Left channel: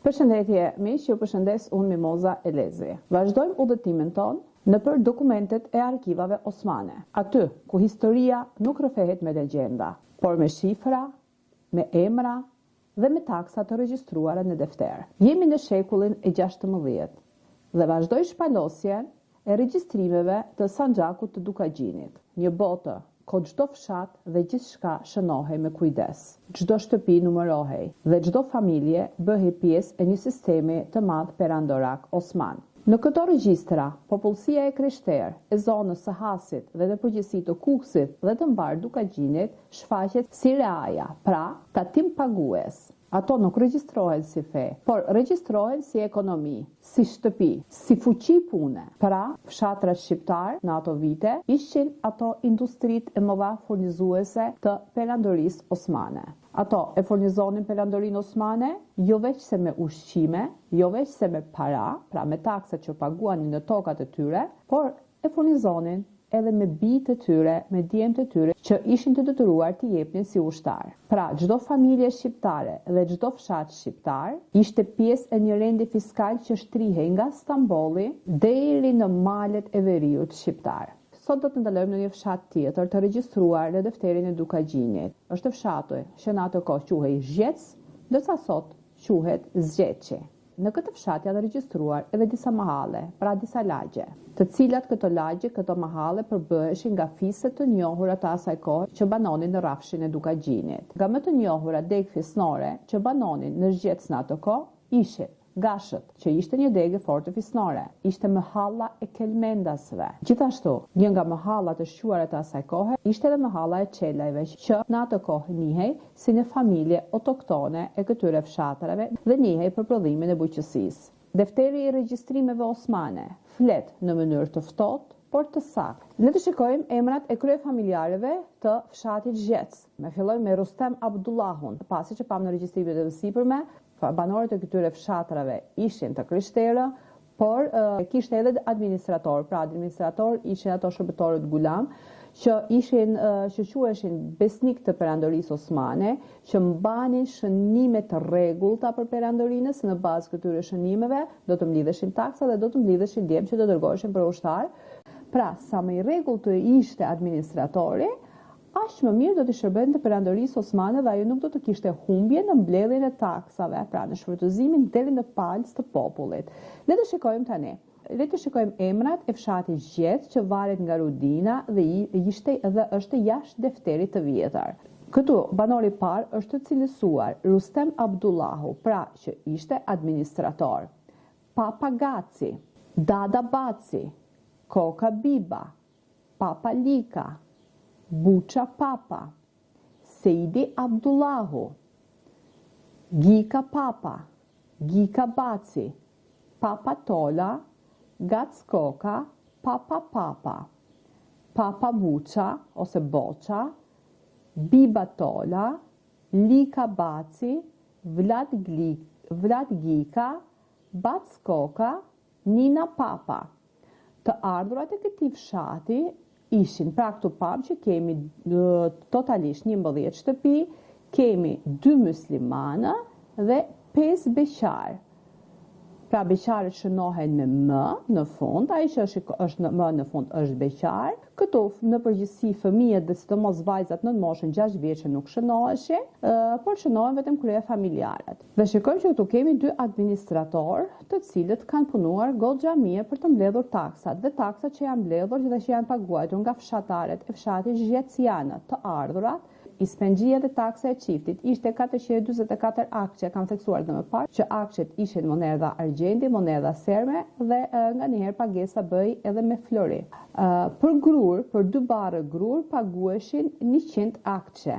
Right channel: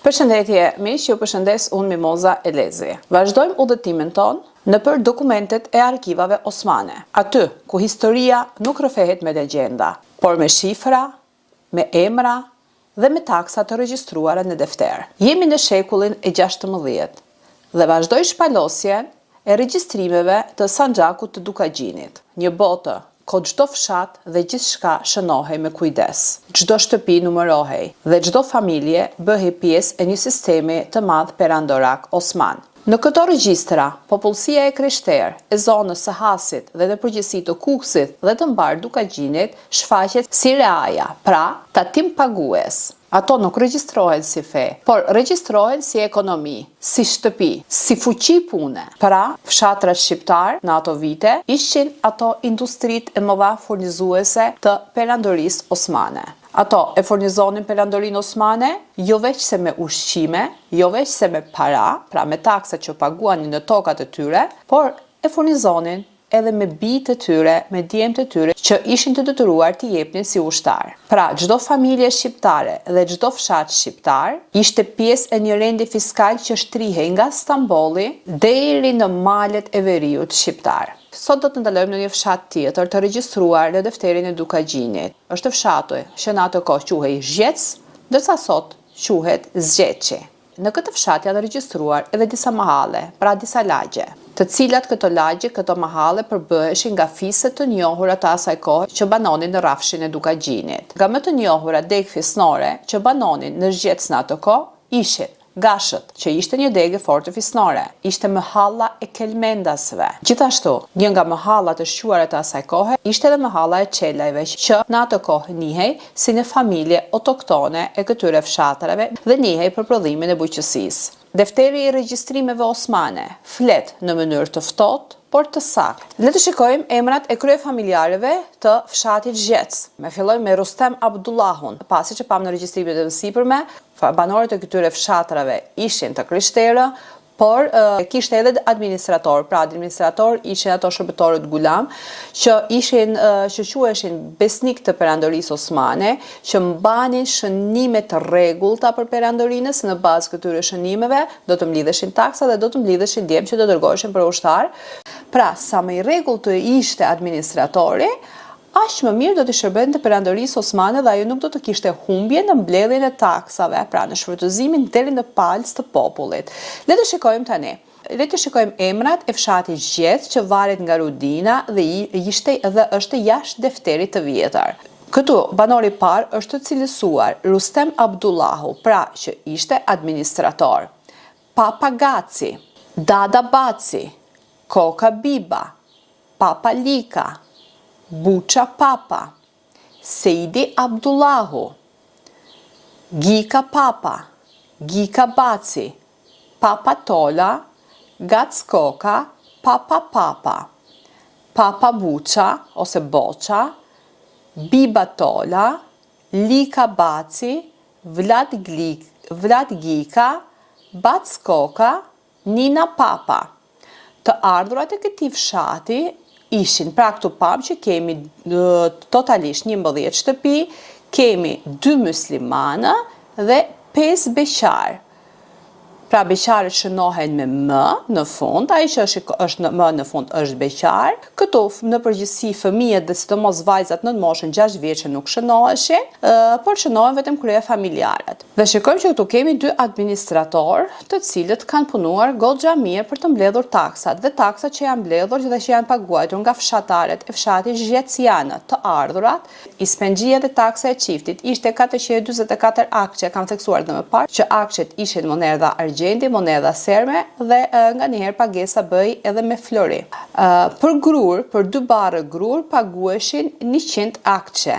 Përshëndetje, miq, ju përshëndes unë Mimoza Elezi. Vazhdojmë udhëtimin ton nëpër dokumentet e arkivave osmane. Aty ku historia nuk rrëfehet me legjenda, por me shifra, me emra dhe me taksa të regjistruara në defter. Jemi në shekullin e 16 dhe vazhdoj shpalosjen e regjistrimeve të Sanxhakut të Dukagjinit, një botë ku çdo fshat dhe gjithçka shënohej me kujdes. Çdo shtëpi numërohej dhe çdo familje bëhej pjesë e një sistemi të madh perandorak osman. Në këto regjistra, popullsia e krishterë, e zonës së Hasit dhe në përgjithësi të Kukësit dhe të mbar Dukagjinit shfaqet si reaja, pra tatim pagues. Ato nuk regjistrohen si fe, por regjistrohen si ekonomi, si shtëpi, si fuqi pune. Pra, fshatrat shqiptar në ato vite ishin ato industrit e mëdha furnizuese të perandorisë osmane. Ato e furnizonin perandorinë osmane jo veç se me ushqime, jo veç se me para, pra me taksa që paguanin në tokat e tyre, por e furnizonin edhe me bijtë e tyre, me djemtë e tyre që ishin të detyruar t'i jepnin si ushtar. Pra, çdo familje shqiptare dhe çdo fshat shqiptar ishte pjesë e një rendi fiskal që shtrihej nga Stambolli deri në malet e veriut shqiptar. Sot do të ndalojmë në një fshat tjetër të regjistruar në defterin e Dukagjinit. Është fshati që në atë kohë quhej Zgjec, ndërsa sot quhet Zgjeçi. Në këtë fshat janë regjistruar edhe disa mahalle, pra disa lagje, të cilat këto lagje, këto mahalle përbëheshin nga fiset të njohura të asaj kohe që banonin në rrafshin e Dukagjinit. Nga më të njohura degë fisnore që banonin në Zgjec në atë kohë ishin Gashët, që ishte një degë forte fisnore, ishte mahalla e kelmendasve. Gjithashtu, një nga mahallat e shquara të asaj kohe ishte edhe mahalla e Çelajve, që në atë kohë njihej si një familje autoktone e këtyre fshatrave dhe njihej për prodhimin e bujqësisë. Defteri i regjistrimeve osmane flet në mënyrë të ftohtë, por të saktë. Le të shikojmë emrat e kryefamiljarëve të fshatit Zgjec. Me fillojmë me Rustem Abdullahun. Pasi që pam në regjistrimet e sipërme, banorët e këtyre fshatrave ishin të krishterë, por kishte edhe administrator. Pra administrator ishin ato shërbëtorët gulam që quheshin besnik të perandorisë osmane, që mbanin shënime të rregullta për perandorinë, në bazë këtyre shënimeve do të mblidheshin taksa dhe do të mblidheshin djemë që do dërgoheshin për ushtar. Pra, sa më i rregullt të ishte administratori, aq më mirë do të shërbente perandorisë osmane dhe ajo nuk do të kishte humbje në mbledhjen e taksave, pra në shfrytëzimin deri në palës të popullit. Le të shikojmë tani. Le të shikojmë emrat e fshatit Zgjec që varet nga Rudina dhe është jashtë defterit të vjetër. Këtu banori i parë është të cilësuar Rustem Abdullahu, pra që ishte administrator. Papa Gaci, Dada Baci, Koka Biba, Papa Lika, Buça Papa, Seidi Abdullahu, Gika Papa, Gika Baci, Papa Tola, Gac Koka, Papa Papa, Papa Buça ose Boça, Biba Tola, Lika Baci, Vlad Gika, Bac Koka, Nina Papa. Të ardhurat e këtij fshati ishin, pra këtu pam që kemi totalisht 11 shtëpi, kemi 2 muslimanë dhe 5 beqar. Pra beqarët shënohen me më në fund, ai që është më në fund është beqar. Këtu në përgjithësi fëmijët dhe sidomos vajzat në moshën 6 vjeçë nuk shënoheshin, por shënohen vetëm kryefamiljarët. Dhe shikojmë që këtu kemi 2 administrator, të cilët kanë punuar goxha mirë për të mbledhur taksat, dhe taksat që janë mbledhur dhe që janë paguajtur nga fshatarët e fshatit Zgjecianë të ardhurat. Ispengjia dhe taksa e çiftit ishte 444 akçe, kam theksuar dhe më parë që akçet ishin monedha monedha serme dhe nga njëherë pagesa bëj edhe me flori. Për grur, për 2 barë grur pagueshin 100 akçe.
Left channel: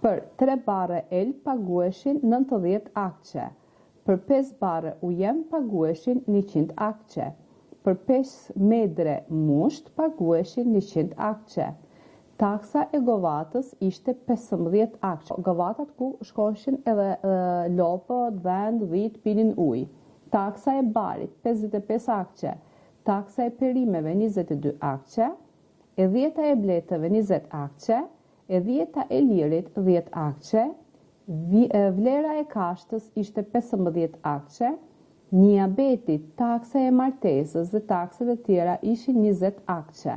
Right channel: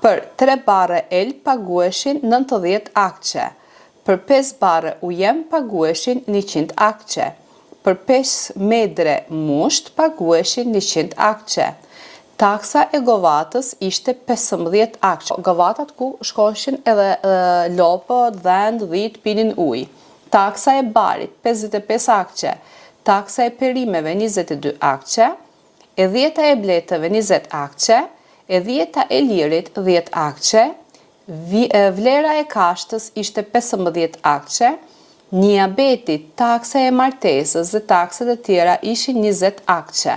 Për 3 barë el pagueshin 90 akçe. Për 5 barë ujem pagueshin 100 akçe. Për 5 medre musht pagueshin 100 akçe. Taksa e govatës ishte 15 akçe. Govatat ku shkoshin edhe lopë, dhend, dhit, pinin ujë. Taksa e barit 55 akçe, taksa e perimeve 22 akçe, e 10 e bletëve 20 akçe, e 10 e lirit 10 akçe, vlera e kashtës ishte 15 akçe, niabeti, taksa e martesës dhe taksat e tjera ishin 20 akçe.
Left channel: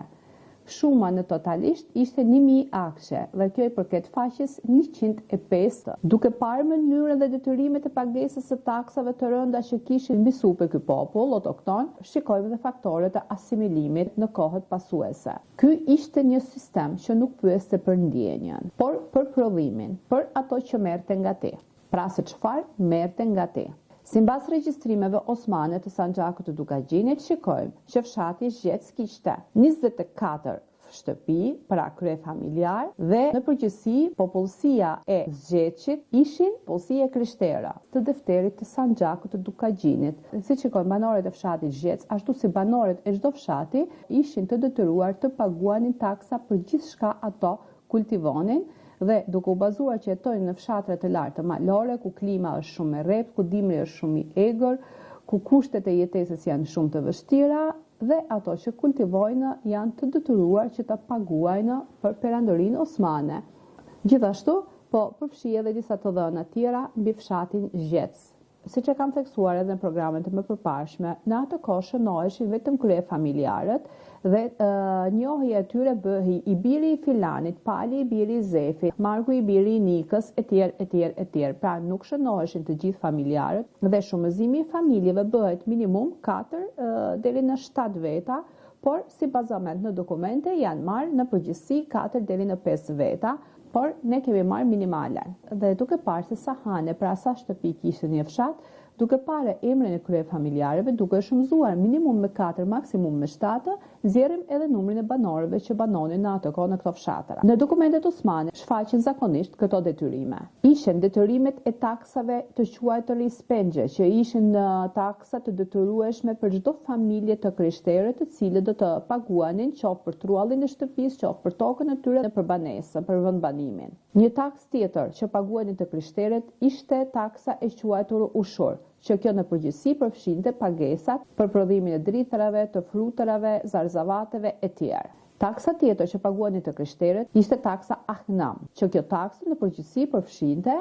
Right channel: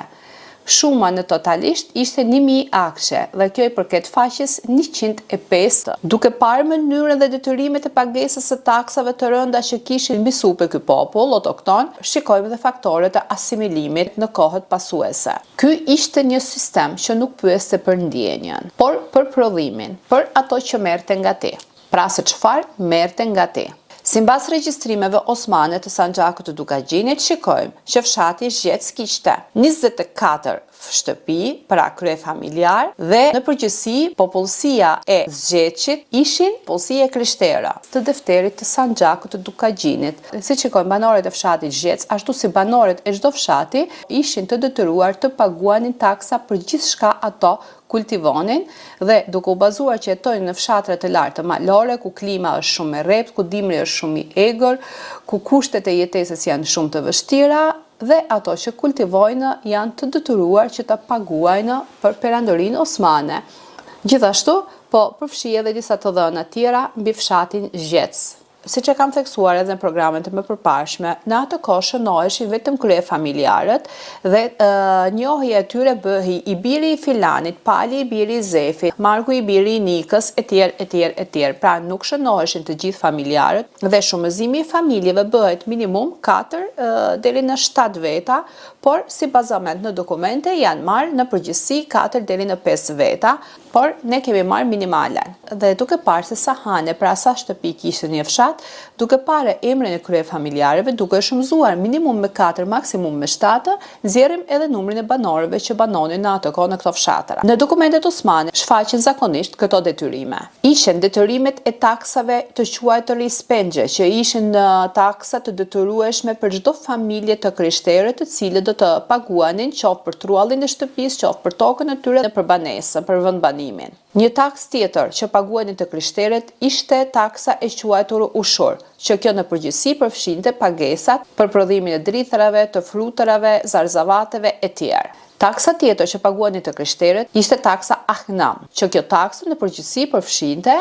Shuma në totalisht ishte 1000 akçe dhe kjo i përket faqes 105. Duke parë mënyrën dhe detyrimet e pagesës së taksave të rënda që kishin mbisuar ky popull autokton, shikojmë dhe faktorët e asimilimit në kohët pasuese. Ky ishte një sistem që nuk pyeste për ndjenjën, por për prodhimin, për ato që merrte nga ti. Pra se çfarë merrte nga ti. Sipas regjistrimeve osmane të Sanxhakut të Dukagjinit, shikojmë që fshati Zgjec kishte 24 shtëpi, pra krye familjar, dhe në përgjithësi popullsia e Zgjeçit ishin popullsia e krishterë të defterit të Sanxhakut të Dukagjinit. Si shikojmë, banorët e fshatit Zgjec, ashtu si banorët e çdo fshati, ishin të detyruar të paguanin taksa për gjithçka ato kultivonin dhe duke u bazuar që jetojnë në fshatra të lartë malore, ku klima është shumë e rreptë, ku dimri është shumë i egër, ku kushtet e jetesës janë shumë të vështira dhe ato që kultivojnë janë të detyruar që ta paguajnë për perandorinë osmane. Gjithashtu, po përfshi edhe disa të dhëna tjera mbi fshatin Zgjec. Siç e kam theksuar edhe në programet e mëparshme, në atë kohë shënoheshin vetëm krye familjarët dhe njohja e tyre bëhej i biri i Filanit, Pali i biri i Zefit, Marku i biri i Nikës, etj. Pra nuk shënoheshin të gjithë familjarët dhe shumëzimi i familjeve bëhet minimum 4 deri në 7 veta, por si bazament në dokumente janë marrë në përgjithësi 4 deri në 5 veta, por ne kemi marrë minimalen. Dhe duke parë se sa hane, pra sa shtëpi kishte një fshat, duke parë emrin e krye familjarëve, duke shumëzuar minimum me 4, maksimum me 7, nxjerrim edhe numrin e banorëve që banonin në atë kohë në këto fshatra. Në dokumentet osmane shfaqen zakonisht këto detyrime. Ishin detyrimet e taksave të quajtura spengje, që ishin taksa të detyrueshme për çdo familje të krishterë, të cilët do të paguanin qoftë për truallin e shtëpisë, qoftë për tokën e tyre dhe për banesën, për vendbanimin. Një taks tjetër që paguanin të krishterët ishte taksa e quajtur ushur, që kjo në përgjithësi përfshinte pagesat për prodhimin e drithrave, të frutërave, zarzavateve e tjerë. Taksa tjetër që paguanin të krishterët ishte taksa ahnam, që kjo taksë në përgjithësi përfshinte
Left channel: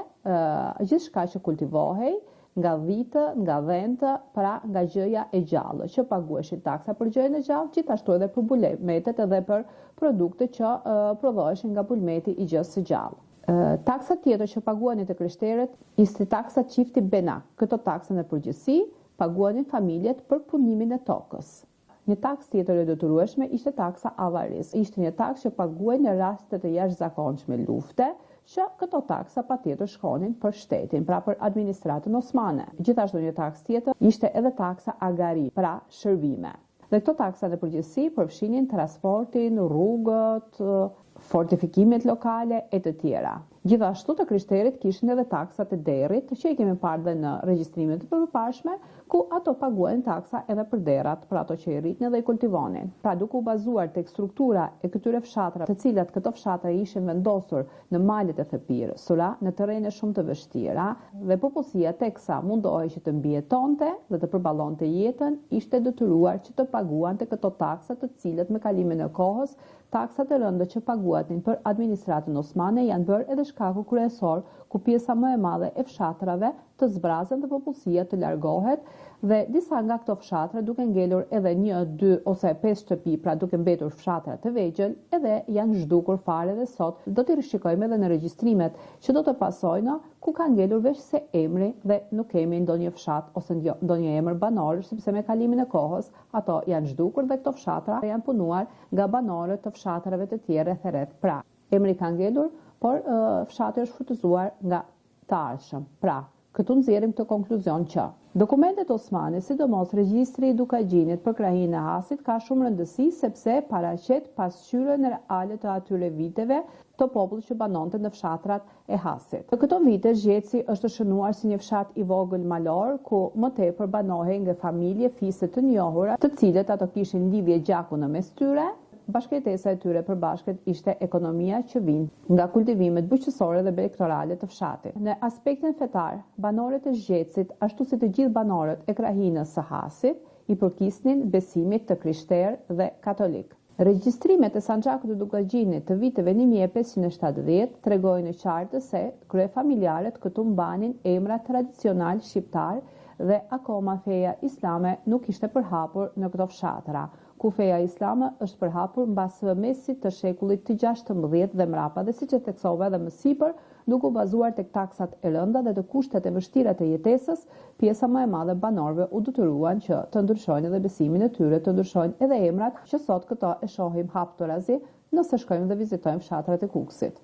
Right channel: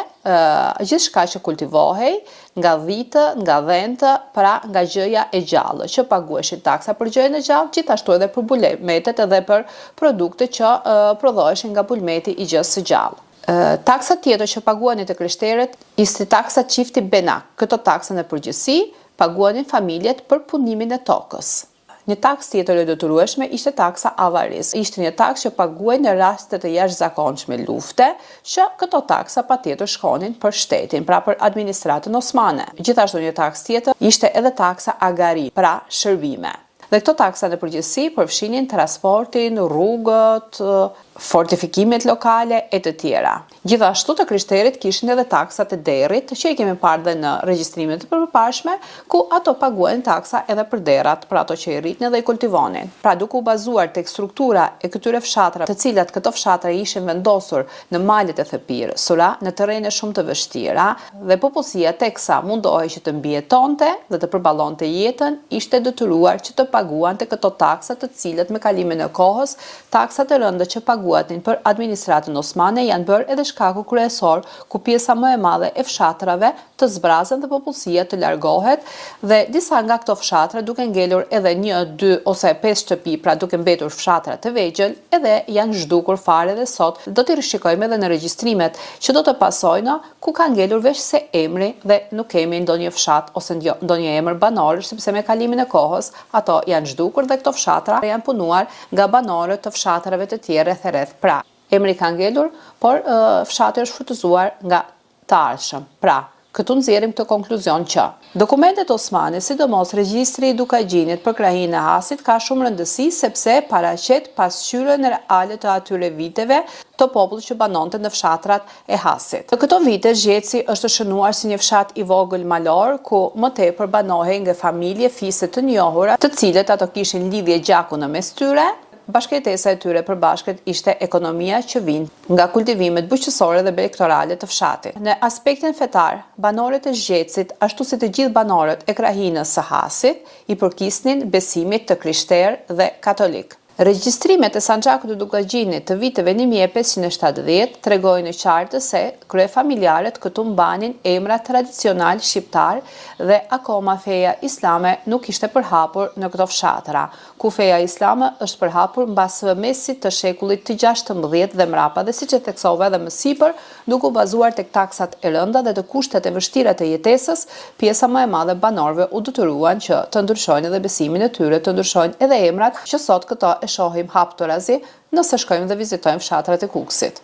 gjithçka që kultivohej nga dhitë, nga dhentë, pra nga gjëja e gjallë, që paguheshin taksa për gjëjen e gjallë, gjithashtu edhe për bulmetet edhe për produkte që prodhoheshin nga bulmeti i gjës së gjallë. Taksa tjetër që paguanin të krishterët ishte taksa çifti benak. Këto taksa në përgjithësi paguanin familjet për punimin e tokës. Një taks tjetër e detyrueshme ishte taksa avaris. Ishte një taks që paguaj në raste të jashtëzakonshme lufte, që këto taksa patjetër shkonin për shtetin, pra për administratën osmane. Gjithashtu një taks tjetër ishte edhe taksa agari, pra shërbime. Dhe këto taksa në përgjithësi përfshinin transportin, rrugët, fortifikimet lokale e të tjera. Gjithashtu të krishterët kishin edhe taksat e derrit, që i kemi parë dhe në regjistrimet e përparshme, ku ato paguajnë taksa edhe për derrat, për ato që i rritnin dhe i kultivonin. Pra duke u bazuar tek struktura e këtyre fshatrave, të cilat këto fshatra ishin vendosur në malet e thepirësura, në terrene shumë të vështira, dhe popullsia teksa mundohej që të mbijetonte dhe të përballonte jetën, ishte detyruar që të paguante këto taksa, të cilat me kalimin e kohës, taksat e rënda që paguatin për administratën osmane janë bërë edhe shkaku kryesor ku pjesa më e madhe e fshatrave të zbrazen dhe popullsia të largohet, dhe disa nga këto fshatra duke ngelur edhe 1, 2 ose 5 shtëpi, pra duke mbetur fshatra të vegjël, edhe janë zhdukur fare dhe sot do t'i rishikojmë edhe në regjistrimet që do të pasojnë, ku ka ngelur veç se emri dhe nuk kemi ndonjë fshat ose ndonjë emër banor, sepse me kalimin e kohës ato janë zhdukur dhe këto fshatra janë punuar nga banorët të fshatrave të tjerë rreth. Pra, emri ka ngelur, por fshati është shfrytëzuar nga të ardhshëm. Pra, këtu nxjerrim këtë konkluzion që dokumentet osmane, sidomos regjistri i Dukagjinit për krahinë e Hasit, ka shumë rëndësi sepse paraqet pasqyrën reale të atyre viteve të popullit që banonte në fshatrat e Hasit. Në këto vite Zgjeci është shënuar si një fshat i vogël malor, ku më tepër banohej nga familje fise të njohura, të cilët ato kishin lidhje gjaku në mes tyre. Bashkëjetesa e tyre përbashkët ishte ekonomia që vinte nga kultivimet bujqësore dhe elektorale të fshatit. Në aspektin fetar, banorët e Zgjecit, ashtu si të gjithë banorët e krahinës së Hasit, i përkisnin besimit të krishterë dhe katolik. Regjistrimet e Sanxhakut të Dukagjinit të viteve 1570 tregojnë në qartë se kryefamiljarët këtu mbanin emra tradicional shqiptar dhe akoma feja islame nuk ishte përhapur në këto fshatra, ku feja islame është përhapur mbas mesit të shekullit të 16 dhe mrapa, dhe siç e theksova edhe më sipër, duke u bazuar tek taksat e rënda dhe të kushtet e vështira të jetesës, pjesa më e madhe e banorëve u detyruan që të ndryshojnë edhe besimin e tyre, të ndryshojnë edhe emrat, që sot këto e shohim haptorazi nëse shkojmë dhe vizitojmë fshatrat e Kukësit.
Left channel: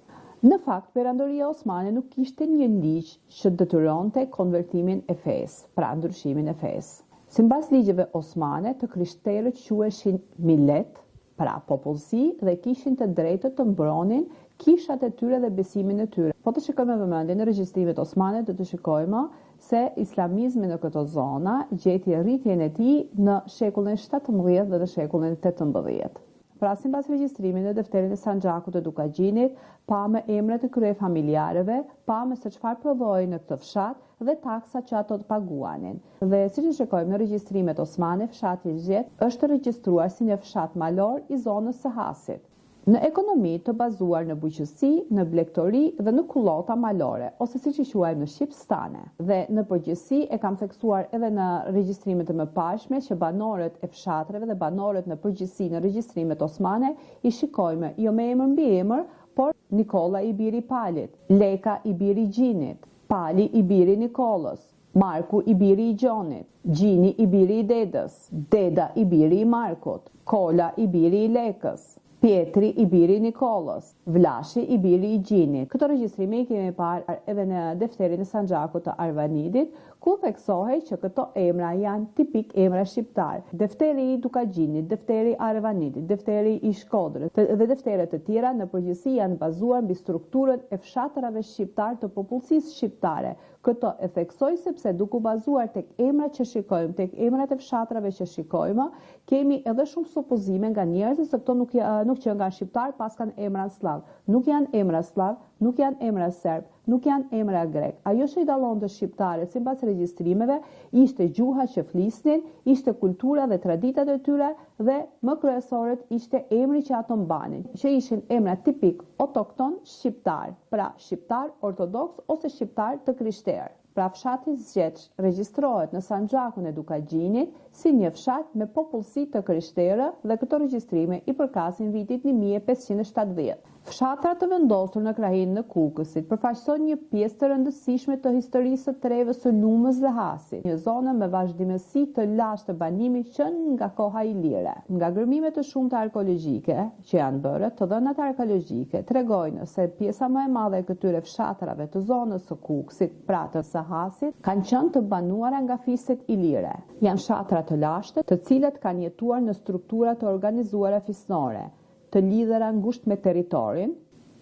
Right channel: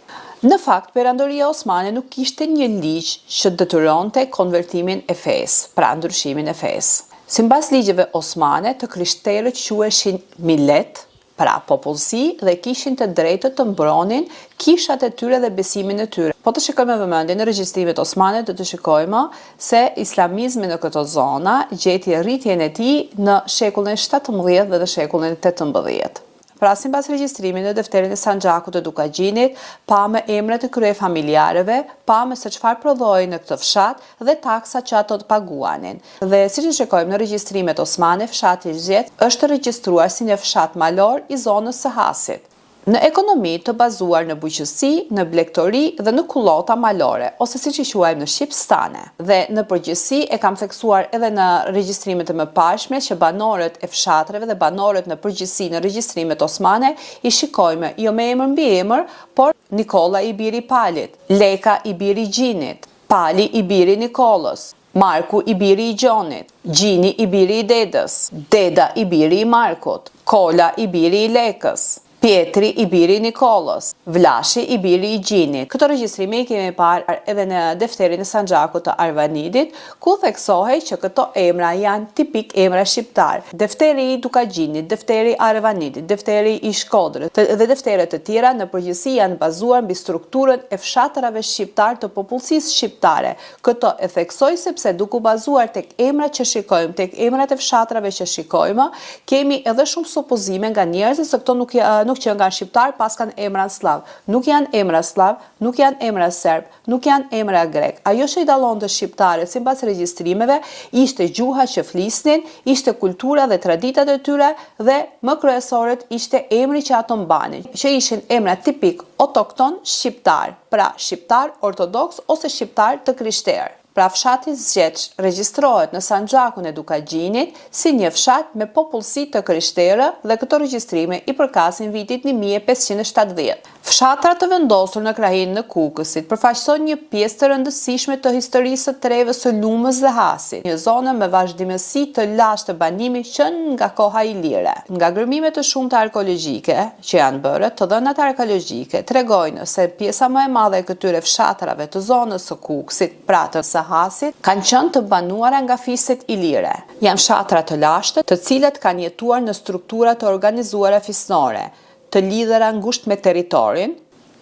Në fakt, Perandoria Osmane nuk kishte një ligj që detyronte konvertimin e fesë, pra ndryshimin e fesë. Sipas ligjeve osmane, të krishterët quheshin millet, pra popullsi, dhe kishin të drejtë të mbronin kishat e tyre dhe besimin e tyre. Po të shikojmë me vëmendje në regjistrimet osmane, do të shikojmë se islamizmi në këto zona gjeti rritjen e tij në shekullin 17 dhe në shekullin 18. Pra, sipas regjistrimit në defterin e Sanxhakut të Dukagjinit, pamë emrat e kryefamiljarëve, pamë se çfarë prodhoi në këtë fshat dhe taksat që ato të paguanin. Dhe siç e shikojmë në regjistrimet osmane, fshati Zgjet është regjistruar si një fshat malor i zonës së Hasit. Në ekonomi të bazuar në bujqësi, në blegtori dhe në kullota malore, ose siç i quajmë në shqip stane. Dhe në përgjithësi e kam theksuar edhe në regjistrimet e mëparshme që banorët e fshatreve dhe banorët në përgjithësi në regjistrimet osmane i shikojmë jo me emër mbi emër, por Nikolla i biri Palit, Leka i biri Gjinit, Pali i biri Nikollës, Marku i biri i Gjonit, Gjini i biri i Dedës, Deda i biri i Markut, Kola i biri i Lekës, Pietri i biri i Nikollës, Vlashi i biri i Gjinit. Këto regjistrime i kemi parë edhe në defterin e Sanxhakut të Arvanidit, ku theksohej që këto emra janë tipik emra shqiptar. Defteri i Dukagjinit, defteri i Arvanidit, defteri i Shkodrës dhe defteret të tjera në përgjithësi janë bazuar mbi strukturën e fshatrave shqiptar të popullsisë shqiptare. Këto e theksoj sepse duke u bazuar tek emrat që shikojmë, tek emrat e fshatrave që shikojmë, kemi edhe shumë supozime nga njerëzit se këto nuk që nga shqiptar pas kanë emra slav. Nuk janë emra slav, nuk janë emra serb, nuk janë emra grek. Ajo që i dallonte shqiptarët sipas regjistrimeve ishte gjuha që flisnin, ishte kultura dhe traditat e tyre dhe më kryesorët ishte emri që ato mbanin, që ishin emra tipik autokton shqiptar, pra shqiptar ortodoks ose shqiptar të krishterë. Pra fshati Zgjeç regjistrohet në Sanxhakun e Dukagjinit si një fshat me popullsi të krishterë dhe këto regjistrime i përkasin vitit 1570. Fshatrat të vendosur në krahinë në Kukësit përfaqësojnë një pjesë të rëndësishme të historisë së treve së Lumës dhe Hasit, një zonë me vazhdimësi të lashtë të banimit që nga koha ilire. Nga gërmime të shumta arkeologjike që janë bërë, të dhënat arkeologjike tregojnë se pjesa më e madhe e këtyre fshatrave të zonës së Kukësit, pra të Hasit, kanë qenë të banuara nga fiset ilire. Janë fshatra të lashtë, të cilat kanë jetuar në struktura të organizuara fisnore, të lidhura ngushtë me territorin,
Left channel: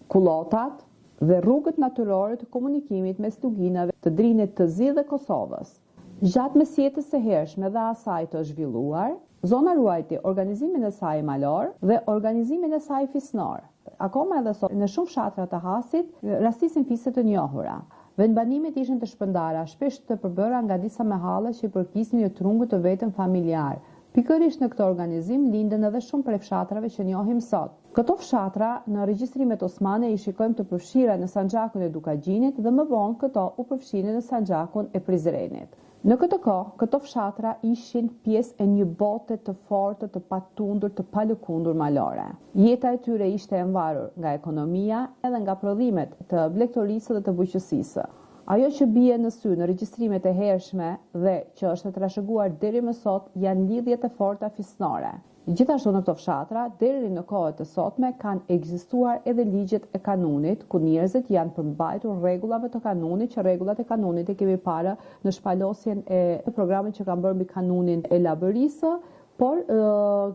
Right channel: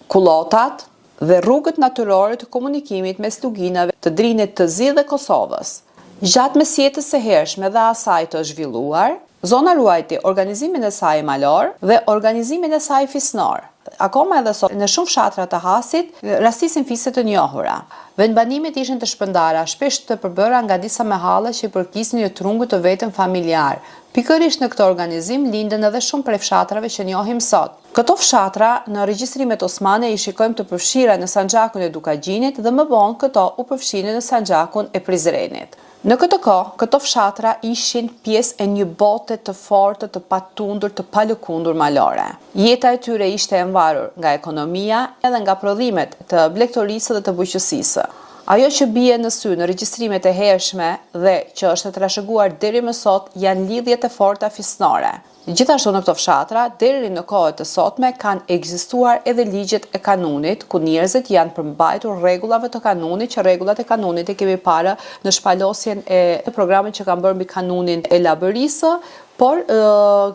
kullotat dhe rrugët natyrore të komunikimit mes luginave të Drinit të Zi dhe Kosovës. Gjatë mesjetës së hershme dhe asaj të zhvilluar, zona ruajti organizimin e saj malor dhe organizimin e saj fisnor. Akoma edhe sot në shumë fshatra të Hasit rastisin fise të njohura. Vendbanimet ishin të shpërndara, shpesh të përbëra nga disa mehalle që i përkisnin një trungu të vetëm familjar. Pikërisht në këtë organizim linden edhe shumë prej fshatrave që njohim sot. Këto fshatra në regjistrimet osmane i shikojmë të përfshira në Sanxhakun e Dukagjinit dhe më vonë këto u përfshinë në Sanxhakun e Prizrenit. Në këtë kohë, këto fshatra ishin pjesë e një bote të fortë, të patundur, të palëkundur malore. Jeta e tyre ishte e mbarur nga ekonomia edhe nga prodhimet të blegtorisë dhe të bujqësisë. Ajo që bie në sy në regjistrimet e hershme dhe që është trashëguar deri më sot janë lidhjet e forta fisnore. Gjithashtu në këto fshatra, deri në kohët e sotme kanë ekzistuar edhe ligjet e kanunit, ku njerëzit janë përmbajtur rregullave të kanunit, që rregullat e kanunit e kemi parë në shpalosjen e programit që kanë bërë mbi kanunin e Labërisë, por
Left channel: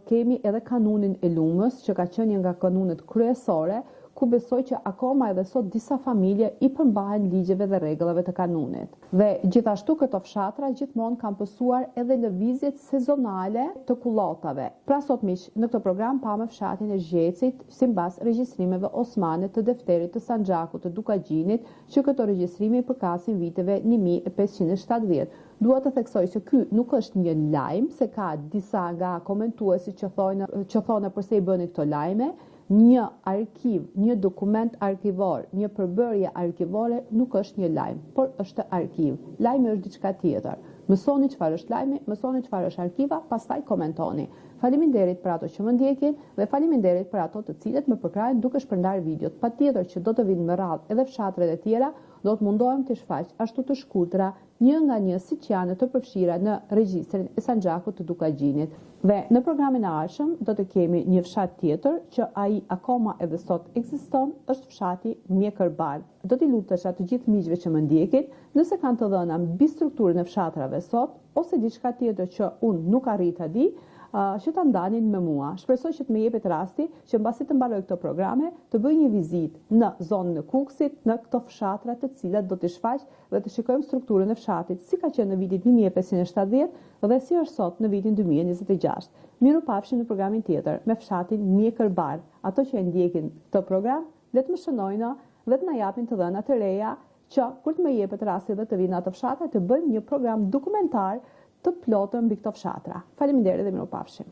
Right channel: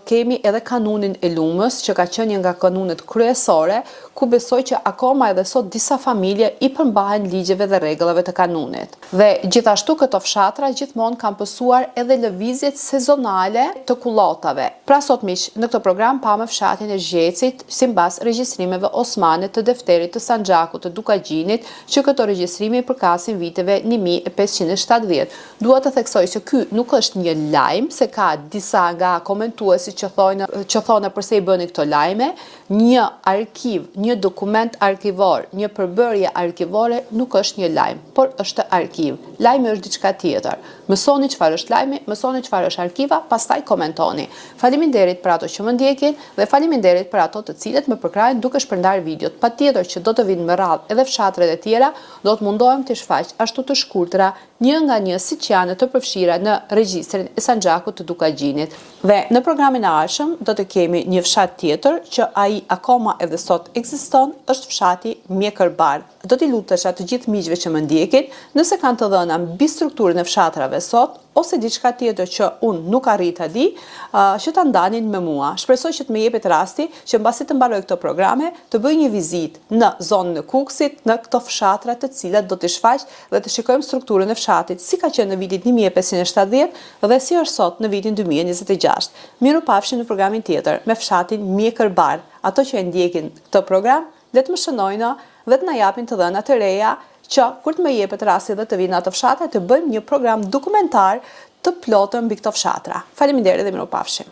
kemi edhe kanunin e Lumës, që ka qenë një nga kanunet kryesore, ku besoj që akoma edhe sot disa familje i përmbahen ligjeve dhe rregullave të kanunit. Dhe gjithashtu këto fshatra gjithmonë kanë pësuar edhe lëvizjet sezonale të kullotave. Pra sot miq, në këtë program pamë fshatin e Zgjeçit sipas regjistrimeve osmane të defterit të Sanxhakut të Dukagjinit, që këto regjistrime i përkasin viteve 1570. Dua të theksoj se ky nuk është një lajm se ka disa nga komentuesit që thonë përse i bëni këto lajme. Një arkiv, një dokument arkivor, një përbërje arkivore nuk është një lajm, por është arkiv. Lajmi është diçka tjetër. Mësoni çfarë është lajmi, mësoni çfarë është arkiva, pastaj komentoni. Faleminderit për ato që më ndjekin dhe faleminderit për ato të cilët më përkrajnë duke shpërndar videot. Patjetër që do të vinë më radhë edhe fshatrat e tjera, do të mundohem të shfaq ashtu të shkurtra, një nga një siç janë të përfshira në regjistrin e Sanxhakut të Dukagjinit. Dhe në programin e ardhshëm do të kemi një fshat tjetër që ai akoma edhe sot ekziston, është fshati Mjekërbar. Do t'i lutesha të gjithë miqve që më ndjekin, nëse kanë të dhëna mbi strukturën e fshatrave sot, ose diçka tjetër që unë nuk arrit ta di, që ta ndanin me mua. Shpresoj që të më jepet rasti që mbasi të mbaroj këto programe, të bëj një vizitë në zonën e Kukësit, në këto fshatra të cilat do t'i shfaq dhe të shikojmë strukturën e fshatit, si ka qenë në vitin 1570 dhe si është sot në vitin 2026. Mirupafshim në programin tjetër me fshatin Mjekërbar. Ato që e ndjekin këtë program, le të më shënojnë dhe të na japin të dhëna të reja që kur të më jepet rasti dhe të vinë ato fshatra të bëjmë një program dokumentar të plotën mbi këto fshatra. Faleminderit dhe mirupafshim.